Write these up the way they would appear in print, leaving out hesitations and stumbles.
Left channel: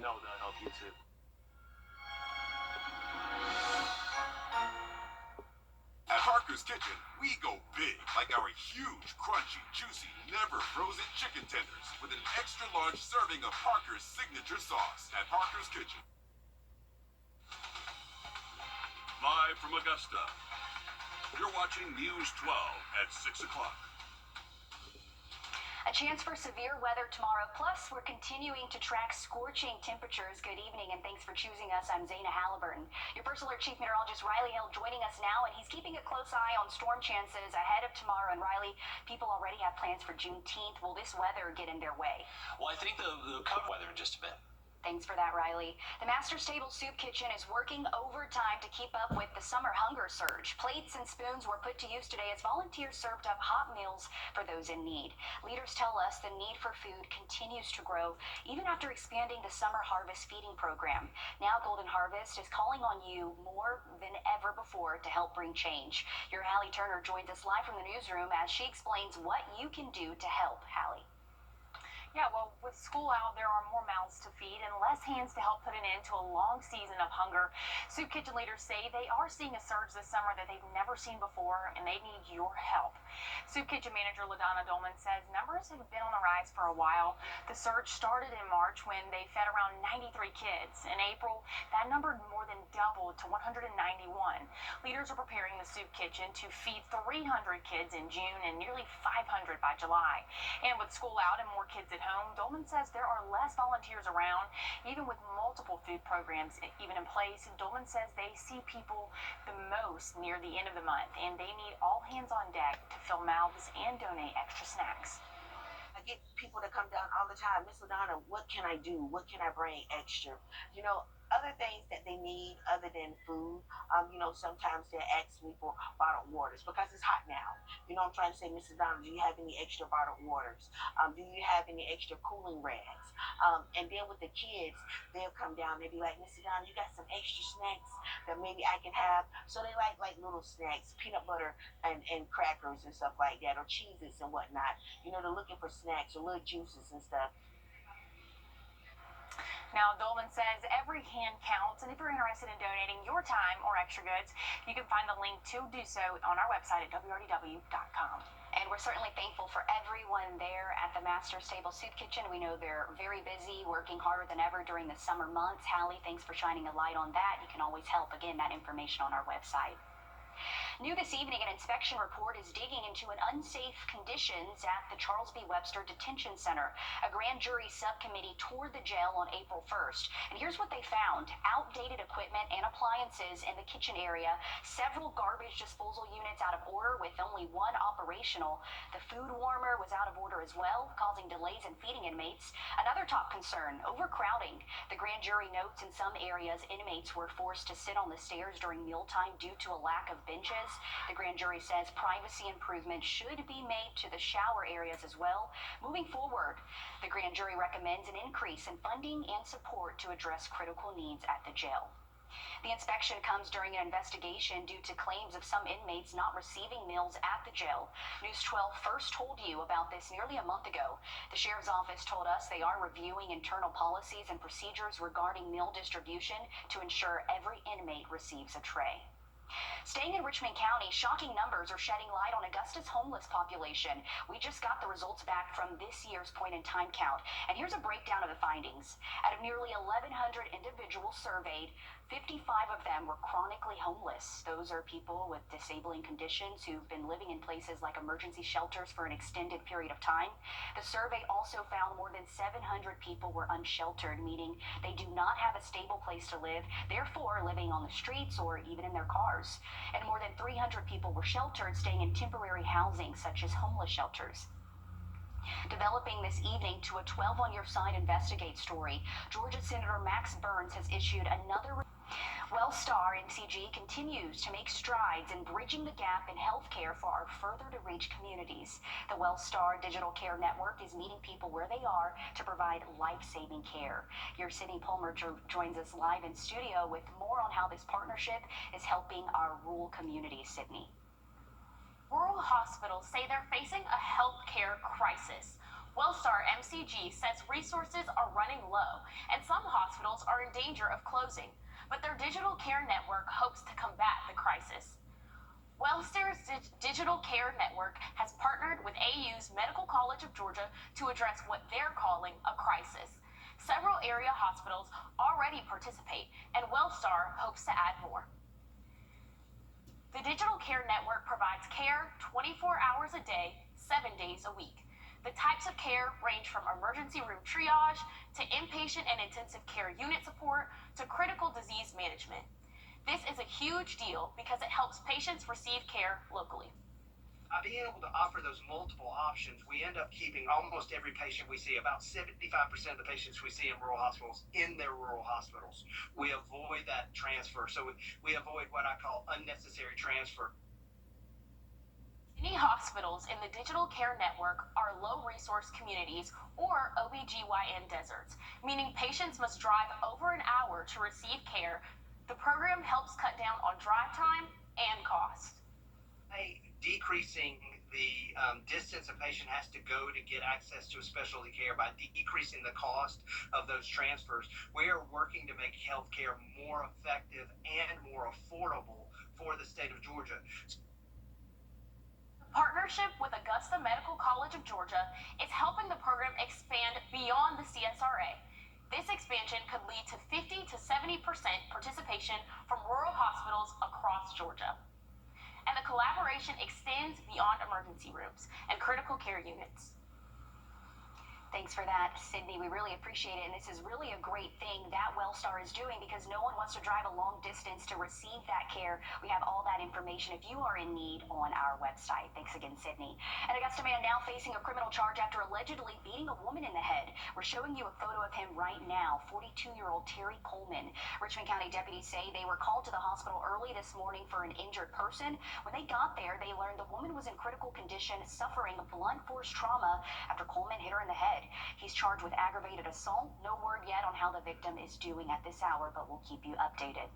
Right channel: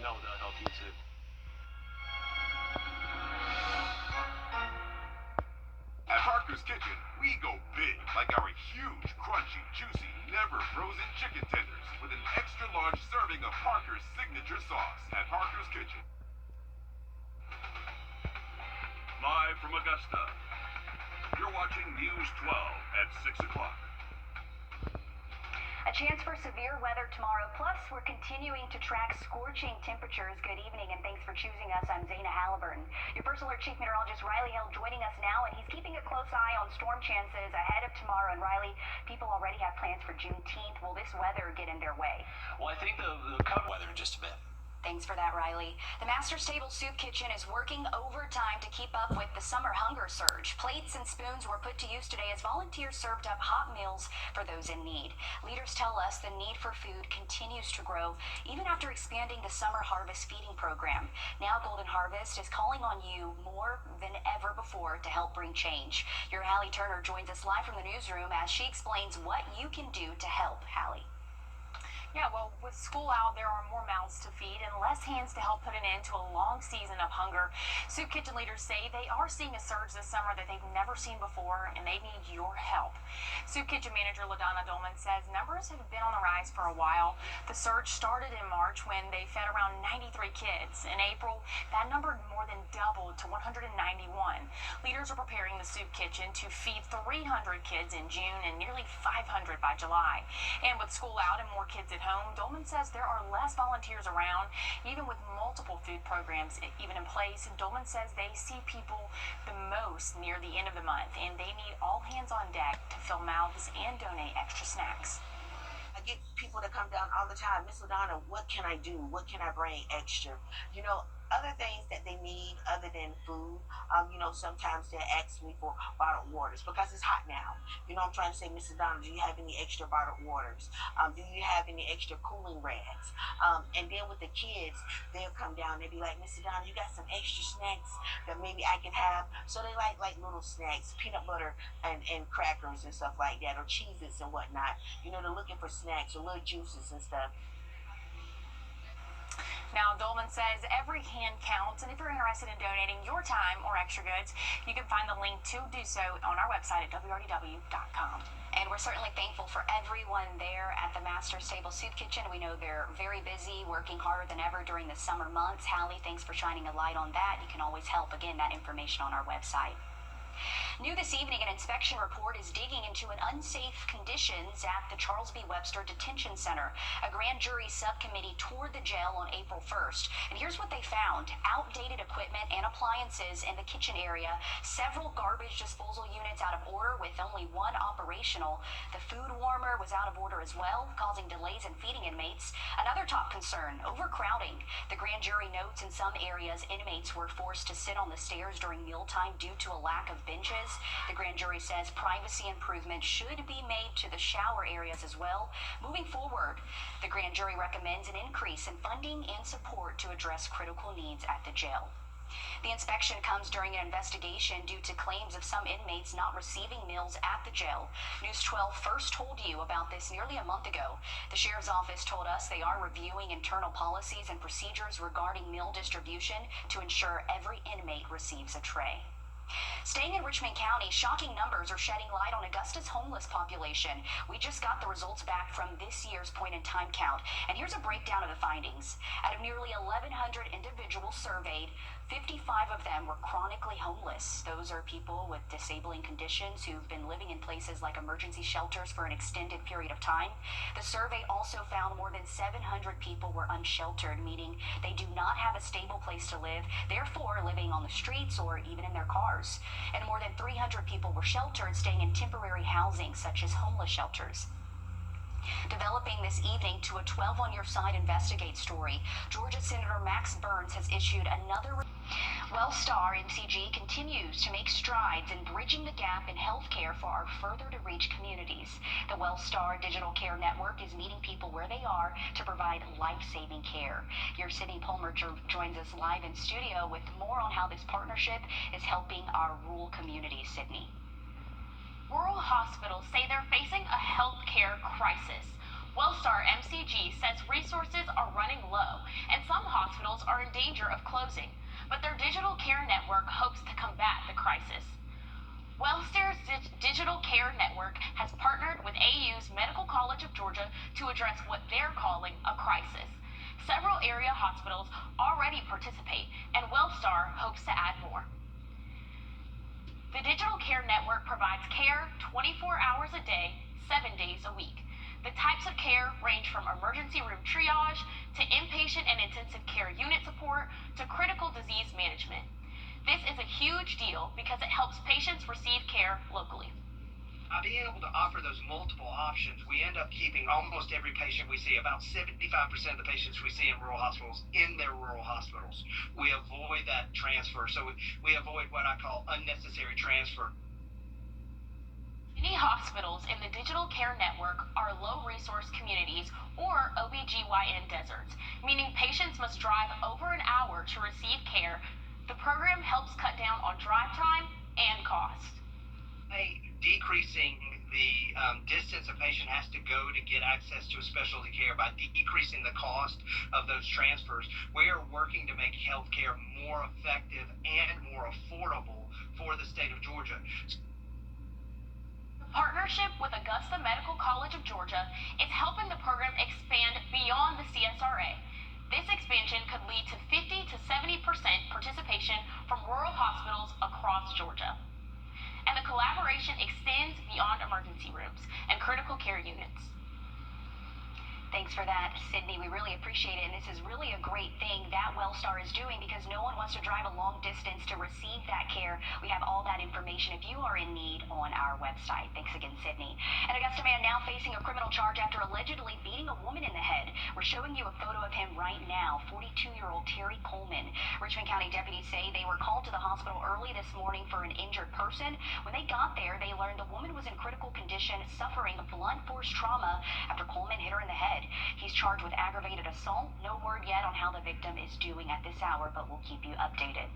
know they'll help you too. At Parker's Kitchen, we go big, like our huge, crunchy, juicy, never frozen chicken tenders with an extra large serving of Parker's signature sauce. At Parker's Kitchen. Live from Augusta, you're watching News 12 at 6 o'clock. A chance for severe weather tomorrow. Plus, we're continuing to track scorching temperatures. Good evening, and thanks for choosing us. I'm Zana Halliburton. Your First Alert Chief Meteorologist Riley Hill joining us now, and he's keeping a close eye on storm chances ahead of tomorrow. And Riley, people already have plans for Juneteenth. Will this weather get in their way? Well, I think they'll cover weather in just a bit. Thanks for that, Riley. The Master's Table Soup Kitchen is working overtime to keep up with the summer hunger surge. Plates and spoons were put to use today as volunteers served up hot meals for those in need. Leaders tell us the need for food continues to grow even after expanding the summer harvest feeding program. Now Golden Harvest is calling on you more than ever before to help bring change. Your Hallie Turner joins us live from the newsroom as she explains what you can do to help. Hallie. Yeah, well, with school out, there are more mouths to feed and less hands to help put an end to a long season of hunger. Soup kitchen leaders say they are seeing a surge this summer that they've never seen before, and they need your help. Soup kitchen manager LaDonna Dolman says numbers have been on the rise for a while. The surge started in March when they fed around 93 kids. In April, that number more than doubled to 191. Leaders are preparing the soup kitchen to feed 300 kids in June and nearly 500 by July. And with school out and more kids at home, Dolman says there are less volunteers around, even with multiple food programs even in place. Dolman says they see people the most near the end of the month, and they need all hands on deck to fill mouths and donate extra snacks. I get people that come down all the time, Miss LaDonna, what can I do? What can I bring extra? You know, other things that they need other than food, sometimes they ask me for bottled waters because it's hot now. I'm trying to say, Mrs. Donna, do you have any extra bottled waters? Do you have any extra cooling rags? And then with the kids, they'll come down, they'll be like, Mrs. Donna, you got some extra snacks that maybe I can have? So they like little snacks, peanut butter and crackers and stuff like that, or Cheez-Its and whatnot. They're looking for snacks or little juices and stuff. Now, Dolman says every hand counts, and if you're interested in donating your time or extra goods, you can find the link to do so on our website at WRDW.com. And we're certainly thankful for everyone there at the Master's Table Soup Kitchen. We know they're very busy, working harder than ever during the summer months. Hallie, thanks for shining a light on that. You can always help. Again, that information on our website. New this evening, an inspection report is digging into an unsafe conditions at the Charles B. Webster Detention Center. A grand jury subcommittee toured the jail on April 1st. And here's what they found. Outdated equipment and appliances in the kitchen area, several garbage disposal units out of order with only one operational. The food warmer was out of order as well, causing delays in feeding inmates. Another top concern, overcrowding. The grand jury notes in some areas, inmates were forced to sit on the stairs during mealtime due to a lack of benches. The grand jury says privacy improvements should be made to the shower areas as well. Moving forward, the grand jury recommends an increase in funding and support to address critical needs at the jail. The inspection comes during an investigation due to claims of some inmates not receiving meals at the jail. News 12 first told you about this nearly a month ago. The sheriff's office told us they are reviewing internal policies and procedures regarding meal distribution to ensure every inmate receives a tray. Staying in Richmond County, shocking numbers are shedding light on Augusta's homeless population. We just got the results back from this year's point-in-time count, and here's a breakdown of the findings. Out of nearly 1,100 individuals surveyed, 55 of them were chronically homeless. Those are people with disabling conditions who've been living in places like emergency shelters for an extended period of time. The survey also found more than 700 people were unsheltered, meaning they do not have a stable place to live, therefore living on the streets or even in their cars. And more than 300 people were sheltered, staying in temporary housing, such as homeless shelters. Developing this evening to a 12 on Your Side Investigate story, Georgia Senator Max Burns has issued another. WellStar MCG continues to make strides in bridging the gap in healthcare for our further-to-reach communities. The WellStar Digital Care Network is meeting people where they are to provide life-saving care. Your Sydney Palmer joins us live in studio with more on how this partnership is helping our rural communities. Sydney. Rural hospitals say they're facing a healthcare crisis. Wellstar MCG says resources are running low and some hospitals are in danger of closing, but their digital care network hopes to combat the crisis. Wellstar's Digital Care Network has partnered with AU's Medical College of Georgia to address what they're calling a crisis. Several area hospitals already participate, and Wellstar hopes to add more. The Digital Care Network provides care 24 hours a day, 7 days a week. The types of care range from emergency room triage to inpatient and intensive care unit support to critical disease management. This is a huge deal because it helps patients receive care locally. Being able to offer those multiple options, we end up keeping almost every patient we see, about 75% of the patients we see in rural hospitals, in their rural hospitals. We avoid that transfer, so we avoid what I call unnecessary transfer. Many hospitals in the Digital Care Network are low-resource communities or OBGYN deserts, meaning patients must drive over an hour to receive care. The program helps cut down on drive time and cost. By decreasing the distance a patient has to go to get access to a specialty care, by decreasing the cost of those transfers, we are working to make healthcare more effective and more affordable for the state of Georgia. Partnership with Augusta Medical College of Georgia is helping the program expand beyond the CSRA. This expansion could lead to 50 to 70% participation from rural hospitals across Georgia. And the collaboration extends beyond emergency rooms and critical care units. Thanks for that, Sydney. We really appreciate it. And this is really a great thing that Wellstar is doing because no one wants to drive a long distance to receive that care. We have all that information if you are in need on our website. Thanks again, Sydney. An Augusta man now facing a criminal charge after allegedly beating a woman in the head. We're showing you a photo of him right now, 42-year-old Terry Coleman. Richmond County deputies say they were called to the hospital early this morning for an injured person. When they got there, they learned the woman was in critical condition, suffering blunt force trauma after Coleman hit her in the head. He's charged with aggravated assault. No word yet on how the victim is doing at this hour, but we'll keep you updated.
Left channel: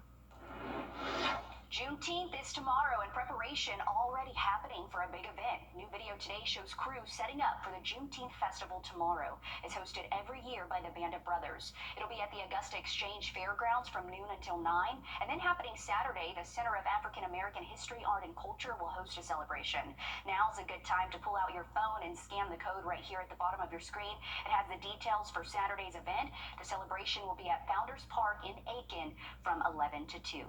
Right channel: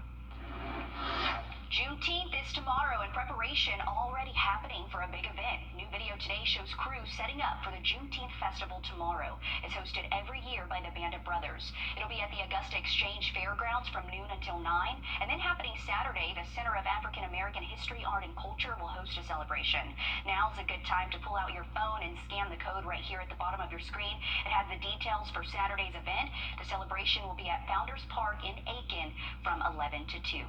Juneteenth is tomorrow, and preparation already happening for a big event. New video today shows crews setting up for the Juneteenth festival tomorrow. It's hosted every year by the Bandit Brothers. It'll be at the Augusta Exchange Fairgrounds from noon until 9, and then happening Saturday, the Center of African American History, Art, and Culture will host a celebration. Now's a good time to pull out your phone and scan the code right here at the bottom of your screen. It has the details for Saturday's event. The celebration will be at Founders Park in Aiken from 11 to 2.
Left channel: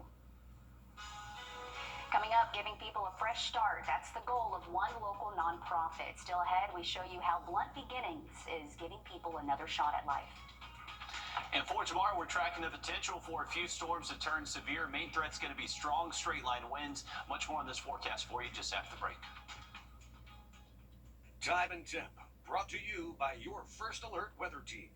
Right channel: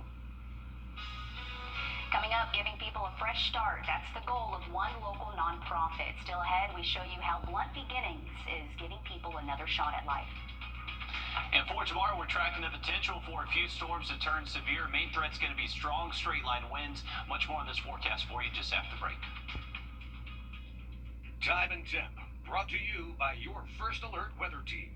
Coming up, giving people a fresh start. That's the goal of one local nonprofit. Still ahead, we show you how Blunt Beginnings is giving people another shot at life. And for tomorrow, we're tracking the potential for a few storms to turn severe. Main threat's going to be strong straight-line winds. Much more on this forecast for you just after the break. Time and Temp, brought to you by your First Alert weather team.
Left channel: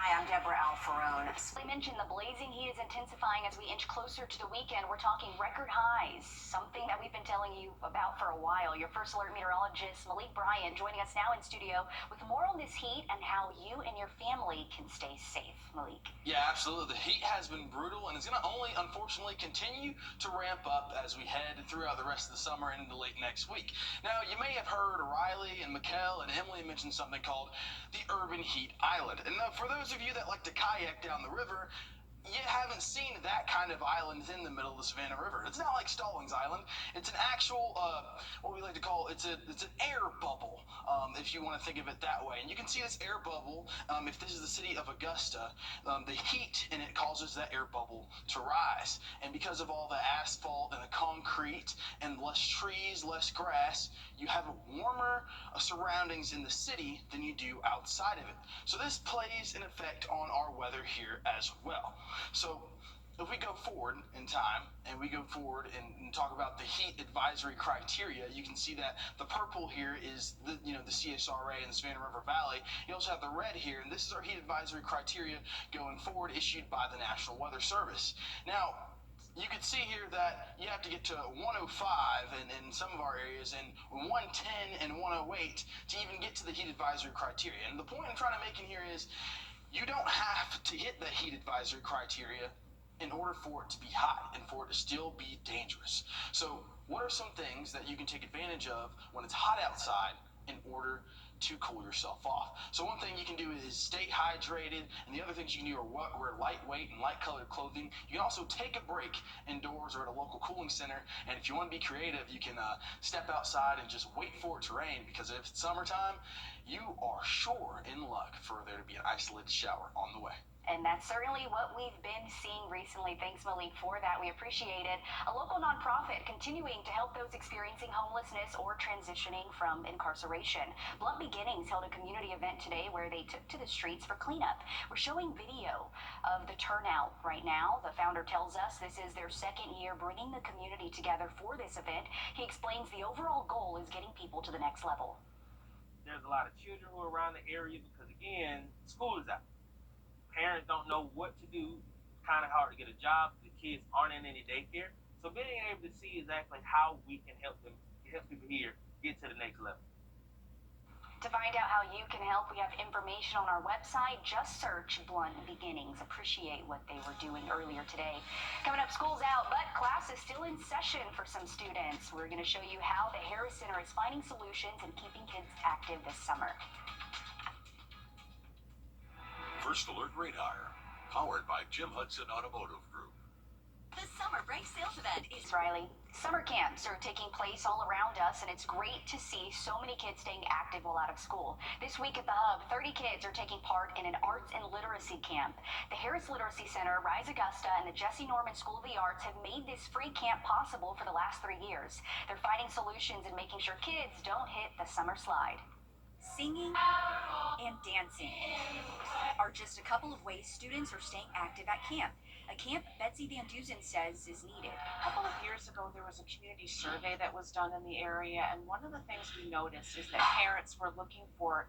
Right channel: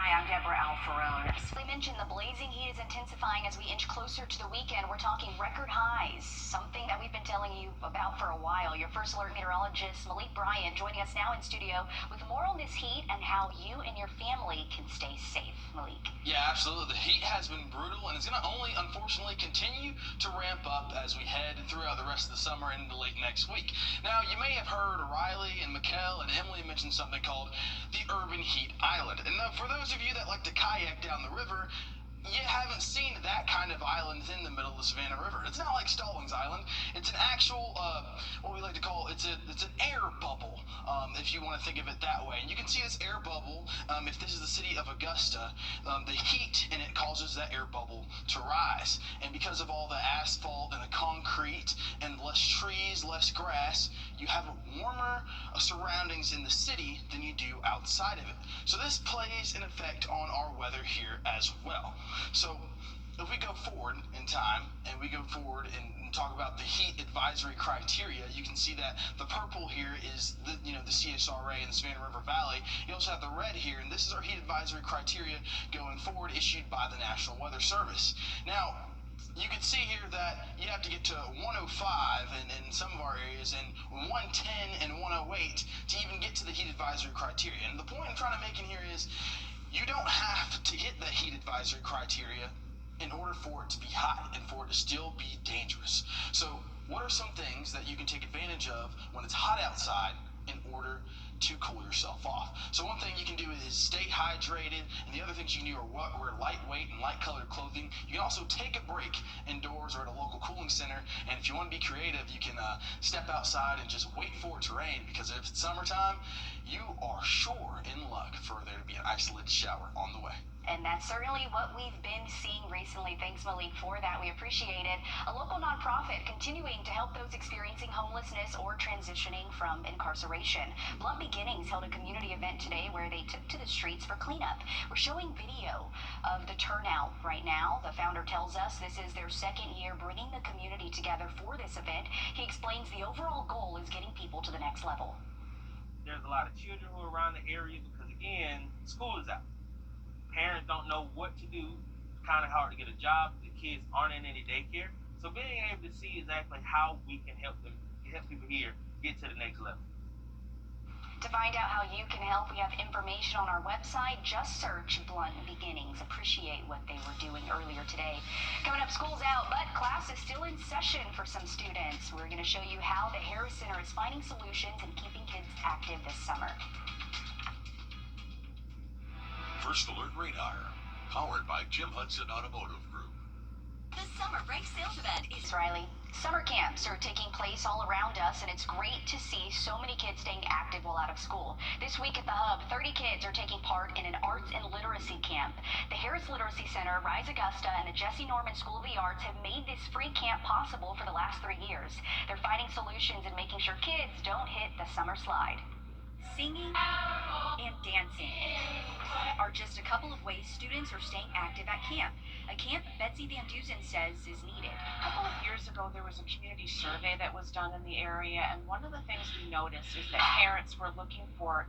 Hi, I'm Deborah Alfarone. We mentioned the blazing heat is intensifying as we inch closer to the weekend. We're talking record highs, something that we've been telling you about for a while. Your First Alert meteorologist, Malik Bryan, joining us now in studio with more on this heat and how you and your family can stay safe. Malik. Yeah, absolutely. The heat has been brutal, and it's going to only, unfortunately, continue to ramp up as we head throughout the rest of the summer and into late next week. Now, you may have heard Riley and Mikkel and Emily mention something called the Urban Heat Island. And for those of you that like to kayak down the river, you haven't seen that kind of island in the middle of the Savannah River. It's not like Stallings Island. It's an actual, what we like to call, it's an air bubble, if you want to think of it that way. And you can see this air bubble, if this is the city of Augusta, the heat in it causes that air bubble to rise. And because of all the asphalt and the concrete and less trees, less grass, you have warmer surroundings in the city than you do outside of it. So this plays an effect on our weather here as well. So if we go forward in time and we go forward and talk about the heat advisory criteria, you can see that the purple here is the CSRA in the Savannah River Valley. You also have the red here, and this is our heat advisory criteria going forward, issued by the National Weather Service. Now, you can see here that you have to get to 105 in some of our areas and 110 and 108 to even get to the heat advisory criteria. And the point I'm trying to make in here is you don't have to hit the heat advisory criteria in order for it to be hot and for it to still be dangerous. So what are some things that you can take advantage of when it's hot outside in order to cool yourself off. So one thing you can do is stay hydrated, and the other things you can do are wear lightweight and light colored clothing. You can also take a break indoors or at a local cooling center, and if you want to be creative, you can step outside and just wait for it to rain, because if it's summertime, you are sure in luck for there to be an isolated shower on the way. And that's certainly what we've been seeing recently. Thanks, Malik, for that. We appreciate it. A local nonprofit continuing to help those experiencing homelessness or transitioning from incarceration. Blunt Beginnings held a community event today where they took to the streets for cleanup. We're showing video of the turnout right now. The founder tells us this is their second year bringing the community together for this event. He explains the overall goal is getting people to the next level. There's a lot of children who are around the area because, again, school is out. Parents don't know what to do. It's kind of hard to get a job. The kids aren't in any daycare. So being able to see exactly how we can help them, help people here get to the next level. To find out how you can help, we have information on our website. Just search Blunt Beginnings. Appreciate what they were doing earlier today. Coming up, school's out, but class is still in session for some students. We're going to show you how the Harris Center is finding solutions and keeping kids active this summer. First Alert Radar, powered by Jim Hudson Automotive Group. The summer break sales event is Riley. Summer camps are taking place all around us, and it's great to see so many kids staying active while out of school. This week at the Hub, 30 kids are taking part in an arts and literacy camp. The Harris Literacy Center, Rise Augusta, and the Jesse Norman School of the Arts have made this free camp possible for the last 3 years. They're finding solutions and making sure kids don't hit the summer slide. singing and dancing are just a couple of ways students are staying active at camp. A camp Betsy Van Dusen says is needed. A couple of years ago, there was a community survey that was done in the area, and one of the things we noticed is that parents were looking for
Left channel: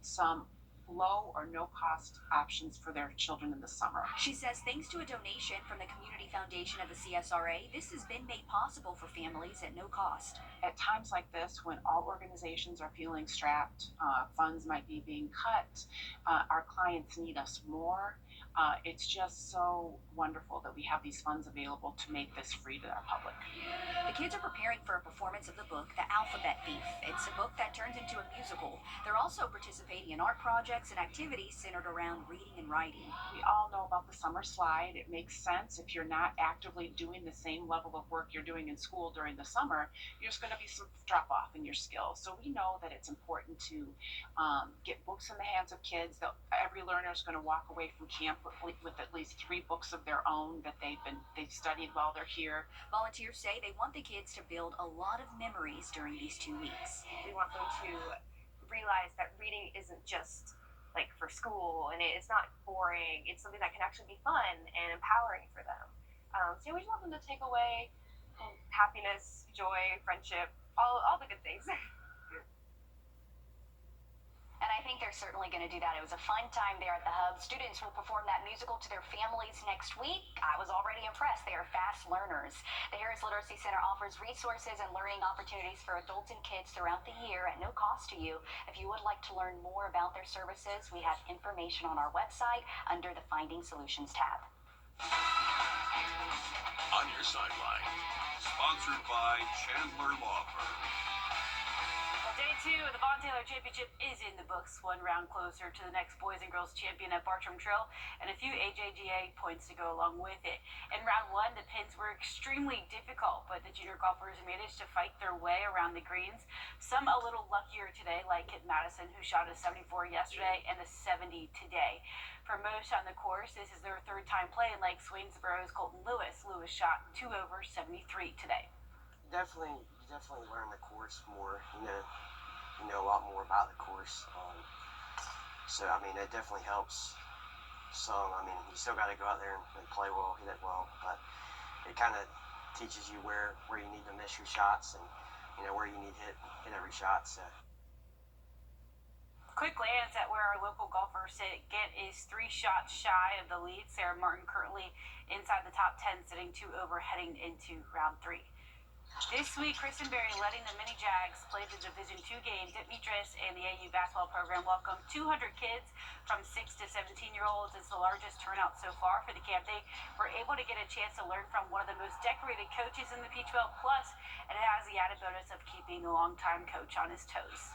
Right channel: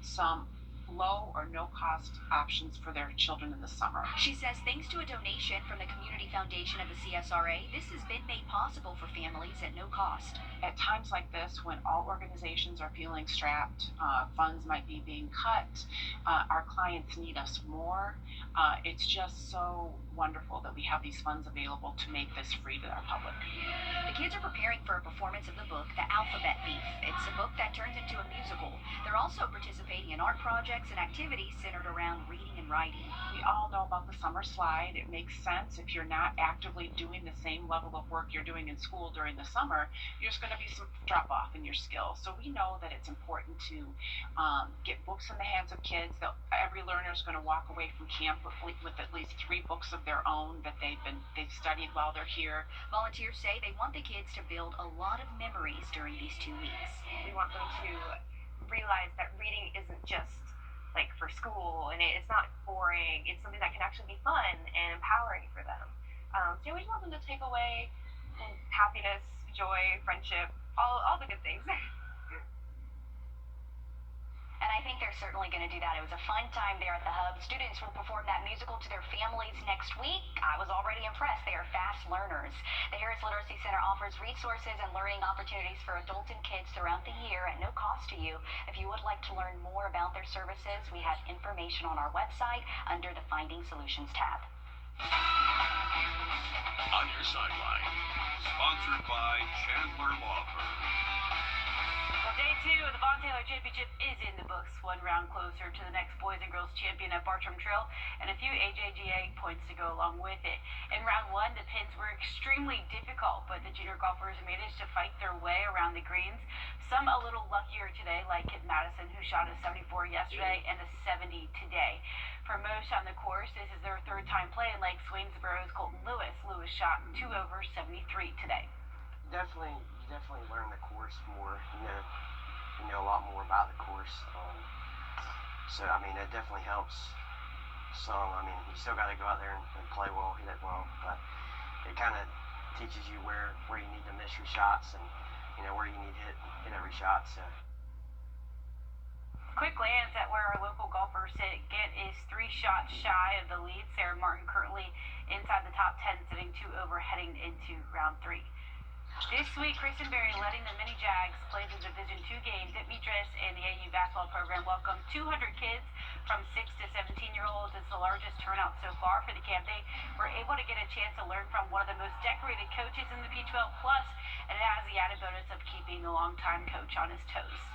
some low or no cost options for their children in the summer. She says thanks to a donation from the Community Foundation of the CSRA, this has been made possible for families at no cost. At times like this, when all organizations are feeling strapped, funds might be being cut, our clients need us more. It's just so wonderful that we have these funds available to make this free to our public. The kids are preparing for a performance of the book, The Alphabet Thief. It's a book that turns into a musical. They're also participating in art projects and activities centered around reading and writing. We all know about the summer slide. It makes sense if you're not actively doing the same level of work you're doing in school during the summer, there's going to be some drop off in your skills. So we know that it's important to get books in the hands of kids. Every learner is going to walk away from camp with at least 3 books of their own that they've studied while they're here. Volunteers say they want the kids to build a lot of memories during these 2 weeks. We want them to realize that reading isn't just like for school, and it's not boring. It's something that can actually be fun and empowering for them. So we just want them to take away happiness, joy, friendship, all the good things. And I think they're certainly going to do that. It was a fun time there at the Hub. Students will perform that musical to their families next week. I was already impressed. They are fast learners. The Harris Literacy Center offers resources and learning opportunities for adults and kids throughout the year at no cost to you. If you would like to learn more about their services, we have information on our website under the Finding Solutions tab. On Your Sideline, sponsored by Chandler Law Firm. Well, day 2 of the Von Taylor Championship is in the books, 1 round closer to the next boys and girls champion at Bartram Trail, and a few AJGA points to go along with it. In round 1, the pins were extremely difficult, but the junior golfers managed to fight their way around the greens. Some a little luckier today, like Kit Madison, who shot a 74 yesterday and a 70 today. For most on the course, this is their 3rd time playing, like Swainsboro's Colton Lewis. Lewis shot 2 over 73 today. You definitely learn the course more. You know a lot more about the course. So I mean, it definitely helps some. I mean, you still got to go out there and play well, hit it well, but it kind of teaches you where you need to miss your shots and where you need to hit every shot. So. Quick glance at where our local golfers sit. Gant is 3 shots shy of the lead. Sarah Martin currently inside the top 10, sitting 2 over, heading into round 3. This week, Kristen Berry, letting the Mini Jags play the Division II games at Mitras, and the AU basketball program welcomed 200 kids from 6 to 17-year-olds. It's the largest turnout so far for the camp. They were able to get a chance to learn from one of the most decorated coaches in the P12 Plus, and it has the added bonus of keeping the longtime coach on his toes.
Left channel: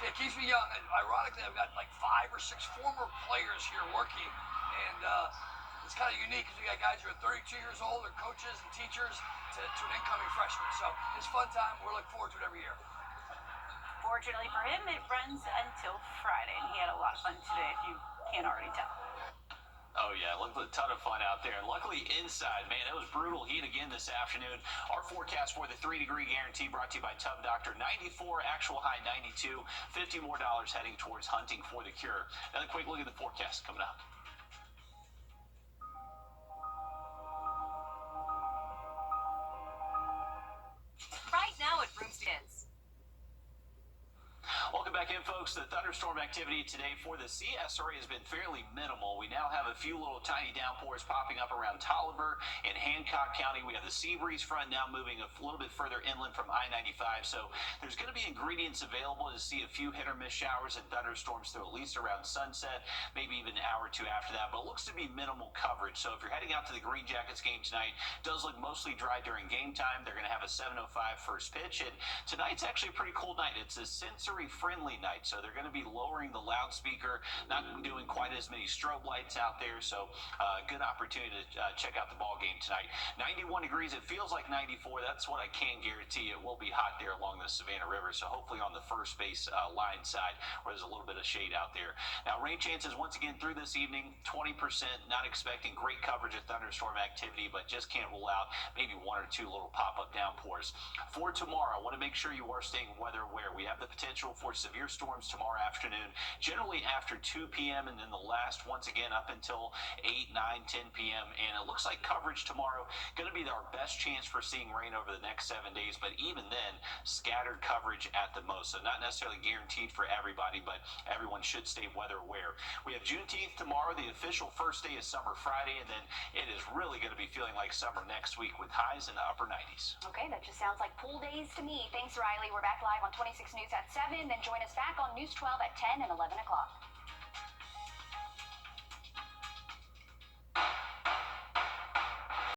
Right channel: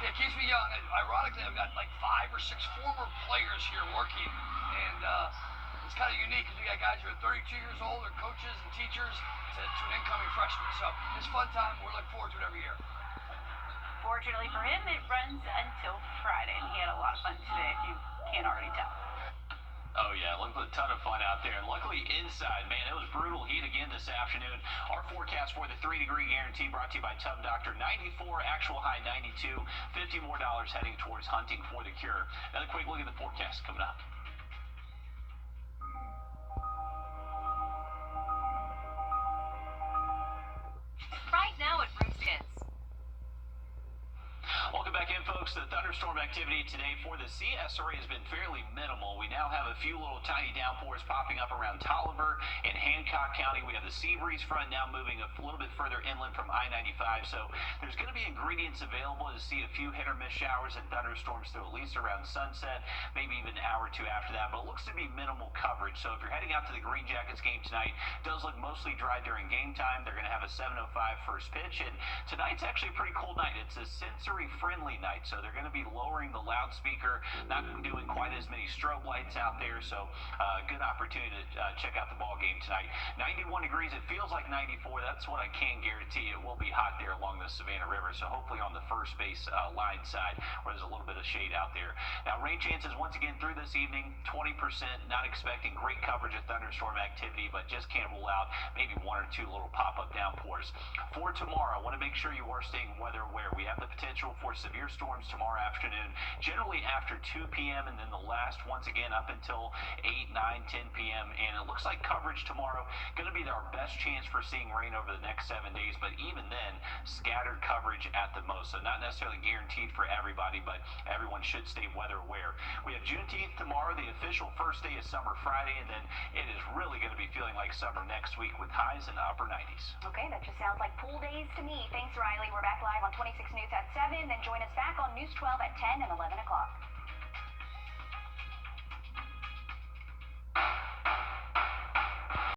It keeps me young. Ironically, I've got like 5 or 6 former players here working, and it's kind of unique because we got guys who are 32 years old, or coaches and teachers, to an incoming freshman. So it's a fun time. We're looking forward to it every year. Fortunately for him, it runs until Friday, and he had a lot of fun today, if you can't already tell. Oh, yeah, looked a ton of fun out there. And luckily inside, man, it was brutal heat again this afternoon. Our forecast for the 3-degree guarantee brought to you by Tub Doctor. 94, actual high 92, $50 more heading towards hunting for the cure. Another quick look at the forecast coming up. Right now at Broomskins. Welcome back in, folks. The thunderstorm activity today for the CSRA has been fairly minimal. We now have a few little tiny downpours popping up around Tolliver and Hancock County. We have the sea breeze front now moving a little bit further inland from I-95. So there's going to be ingredients available to see a few hit or miss showers and thunderstorms through at least around sunset, maybe even an hour or two after that. But it looks to be minimal coverage. So if you're heading out to the Green Jackets game tonight, it does look mostly dry during game time. They're going to have a 7:05 first pitch. And tonight's actually a pretty cool night. It's a sensory-friendly night. So they're going to be lowering the loudspeaker, not doing quite as many strobe lights out there. So good opportunity to check out the ball game tonight. 91 degrees. It feels like 94. That's what I can guarantee. It will be hot there along the Savannah River. So hopefully on the first base line side where there's a little bit of shade out there. Now rain chances once again through this evening, 20%. Not expecting great coverage of thunderstorm activity, but just can't rule out maybe 1 or 2 little pop-up downpours. For tomorrow, I want to make sure you are staying weather aware. We have the potential for severe storms tomorrow afternoon, generally after 2 p.m. and then the last once again up until 8, 9, 10 p.m. And it looks like coverage tomorrow going to be our best chance for seeing rain over the next 7 days, but even then scattered coverage at the most. So not necessarily guaranteed for everybody, but everyone should stay weather aware. We have Juneteenth tomorrow, the official first day of summer Friday, and then it is really going to be feeling like summer next week with highs in the upper 90s. Okay, that just sounds like pool days to me. Thanks, Riley. We're back live on 26 News at 7, then join us back on News 12 at 10 and 11 o'clock.